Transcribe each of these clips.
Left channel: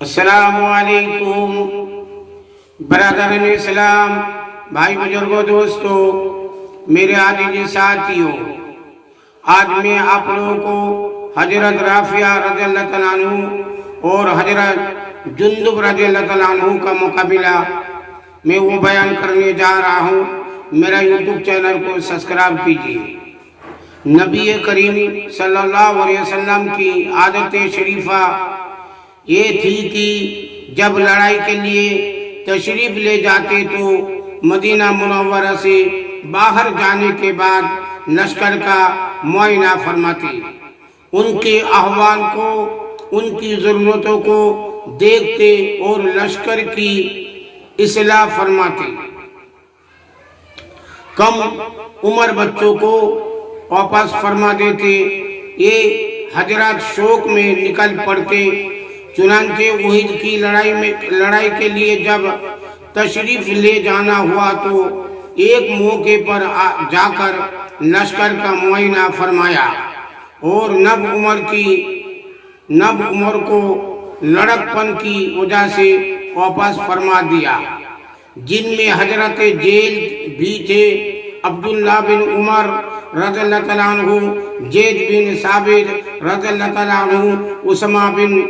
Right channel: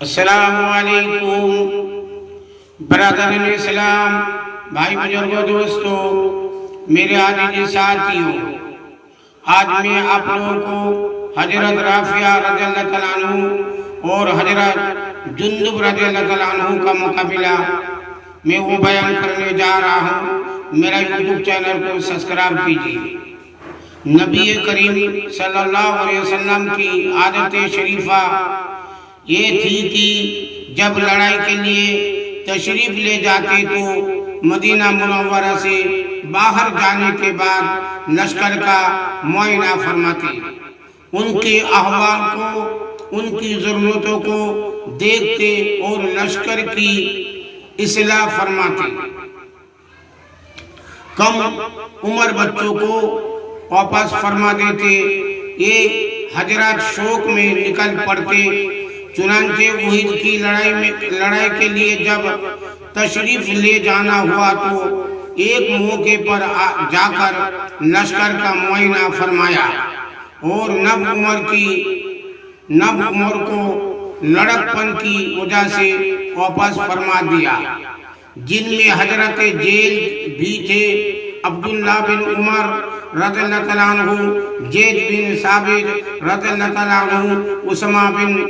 السلام علیکم برادران اسلام، بھائی بزرگوں، دوستوں، میرے عزیز ساتھیوں، آج میں آپ لوگوں کو حضرت رافعہ رضی اللہ تعالیٰ عنہ اور حضرت جندب رضی اللہ تعالیٰ عنہ کا مقابلہ میں وہ بیان کرنے جا رہا ہوں۔ میرا یوٹیوب چینل کو سبسکرائب کیجیے۔ نبی کریم صلی اللہ علیہ وسلم کی عادت شریفہ یہ تھی کہ جب لڑائی کے لیے تشریف لے جاتے تو مدینہ منورہ سے باہر جانے کے بعد لشکر کا معائنہ فرماتے، ان کے احوال کو، ان کی ضرورتوں کو دیکھتے اور لشکر کی اصلاح فرماتے۔ کم عمر بچوں کو واپس فرما دیتے۔ یہ حضرات شوق میں نکل پڑتے۔ چنانچہ احد کی لڑائی کے لیے جب تشریف لے جانا ہوا تو ایک موقع پر جا کر لشکر کا معائنہ فرمایا اور نب عمر کو لڑکپن کی وجہ سے واپس فرما دیا، جن میں حضرت زید بھی تھے، عبداللہ بن عمر رضی اللہ تعالیٰ عنہ، زید بن ثابت رضی اللہ تعالیٰ عنہ، اسامہ بن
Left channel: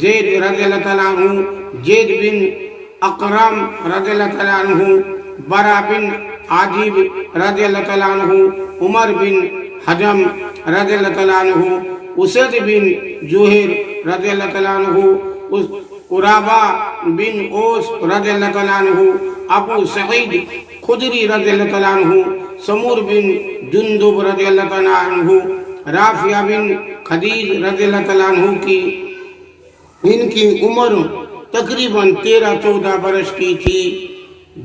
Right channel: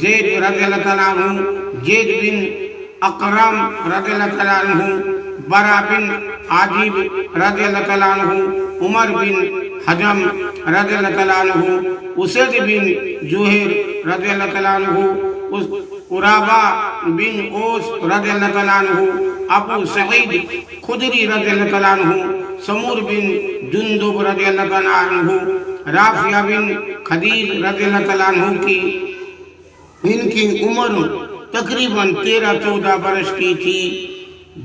زید رضی اللہ تعالیٰ عنہ، زید بن اکرم رضی اللہ تعالیٰ عنہ، برا بن عازب رضی اللہ تعالیٰ عنہ، عمر بن حزم رضی اللہ تعالیٰ عنہ، اسد بن جوہر رضی اللہ تعالیٰ عنہ، قرابہ بن اوس رضی اللہ تعالیٰ عنہ، ابو سعید خدری رضی اللہ تعالیٰ عنہ، سمور بن جندب رضی اللہ تعالیٰ عنہ، رافعہ بن خدیج رضی اللہ تعالیٰ عنہ کی ان کی عمر تقریباً 13-14 برس کی تھی۔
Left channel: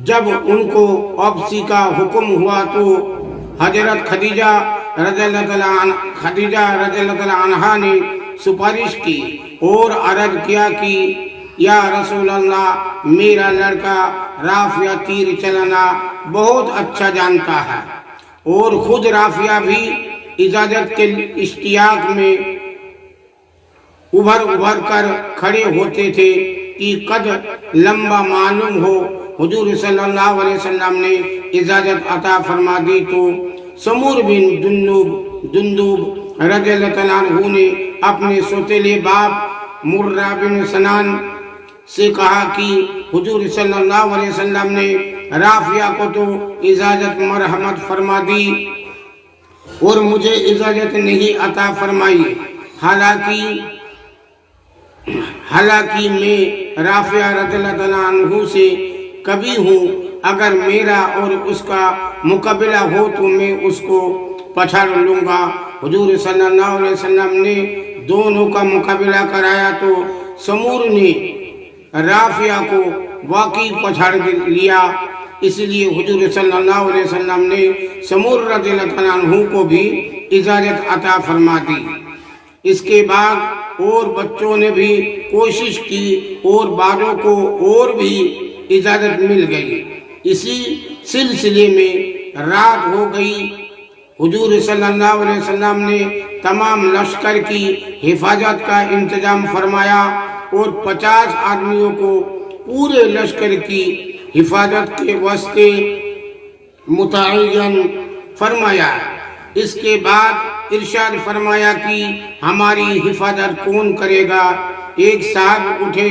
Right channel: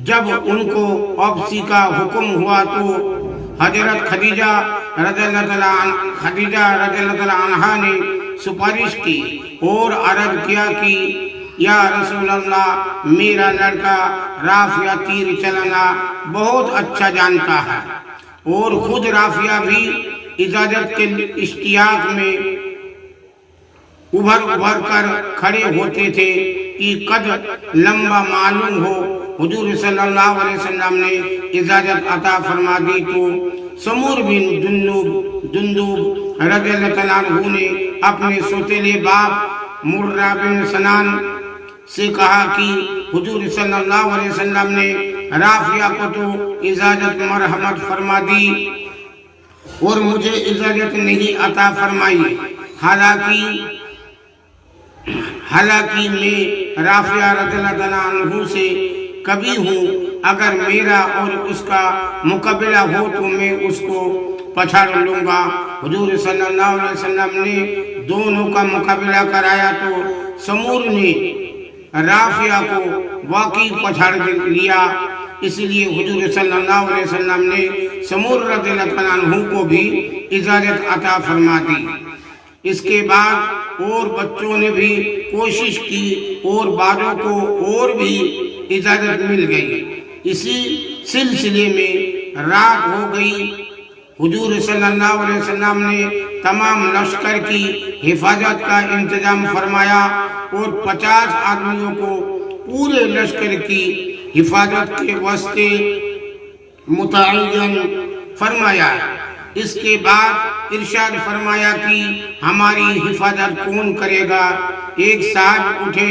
جب ان کو واپسی کا حکم ہوا تو حضرت خدیجہ رضی اللہ تعالیٰ عنہ نے سفارش کی اور عرض کیا کہ یا رسول اللہ، میرا لڑکا رافعہ تیر چلانا بہت اچھا جانتا ہے، اور خود رافعہ بھی اجازت کے اشتیاق میں ابھر کر کھڑے ہوتے تھے کہ قد لمبا معلوم ہو۔ حضور صلی اللہ علیہ وسلم نے اجازت عطا فرما دی تو سمور بن جندب رضی اللہ تعالیٰ عنہ نے اپنے سوتیلے باپ مرہ بن سنان سے کہا کہ حضور صلی اللہ علیہ وسلم نے رافعہ کو تو اجازت مرحمت فرما دی اور مجھے اجازت نہیں عطا فرمائی، حالانکہ میں رافعہ رضی اللہ تعالیٰ عنہ سے کبھی ہوں، اگر میرا اور اس کا مقابلہ ہو تو میں اس کو پچھاڑ لوں گا۔ حضور صلی اللہ علیہ وسلم نے دونوں کا مقابلہ کرایا تو سمور نے رافعہ کو واقعی پچھاڑ لیا، اس لیے حضور صلی اللہ علیہ وسلم نے سمور رضی اللہ تعالیٰ عنہ کو بھی اجازت عطا فرما دی۔ اس کے بعد اور بچوں نے بھی کوشش کی اور بعضوں کو اور بھی اجازت مل گئی۔ اسی سلسلے میں رات ہو گئی۔ حضور صلی اللہ علیہ وسلم نے تمام لشکر کی حفاظت کا انتظام فرمایا اور 50 آدمیوں کو پورے لشکر کی حفاظت کے واسطے متعین فرمایا۔ اس کے بعد ارشاد فرمایا کہ ہماری حفاظت کون کرے گا؟ ایک صاحب اٹھے،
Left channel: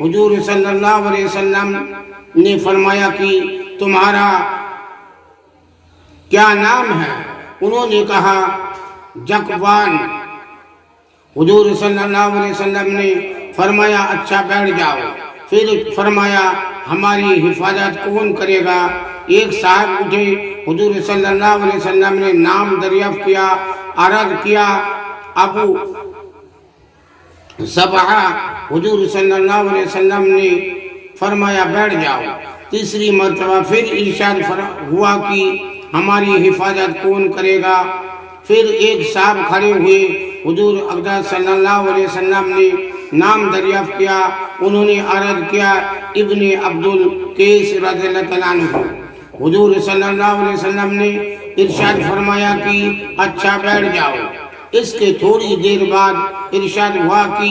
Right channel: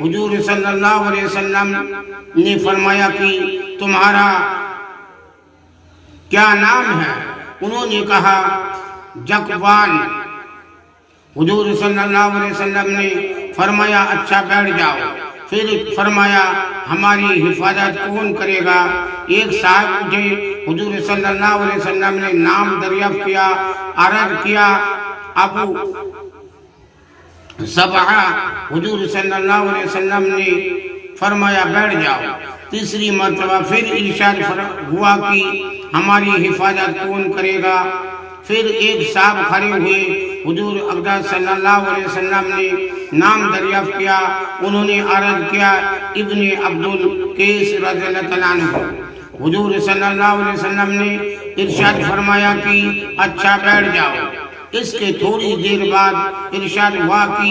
حضور صلی اللہ علیہ وسلم نے فرمایا کہ تمہارا کیا نام ہے؟ انہوں نے کہا جکوان۔ حضور صلی اللہ علیہ وسلم نے فرمایا اچھا بیٹھ جاؤ۔ پھر فرمایا ہماری حفاظت کون کرے گا؟ ایک صاحب اٹھے، حضور صلی اللہ علیہ وسلم نے نام دریافت کیا، عرض کیا ابو سبعہ۔ حضور صلی اللہ علیہ وسلم نے فرمایا بیٹھ جاؤ۔ تیسری مرتبہ پھر ارشاد ہوا کہ ہماری حفاظت کون کرے گا؟ پھر ایک صاحب کھڑے ہوئے، حضور اقدس صلی اللہ علیہ وسلم نے نام دریافت کیا، انہوں نے عرض کیا ابن عبدالقیس رضی اللہ تعالیٰ عنہ۔ حضور صلی اللہ علیہ وسلم نے ارشاد فرمایا کہ اچھا بیٹھ جاؤ۔ اس کے تھوڑی دیر بعد ارشاد ہوا کہ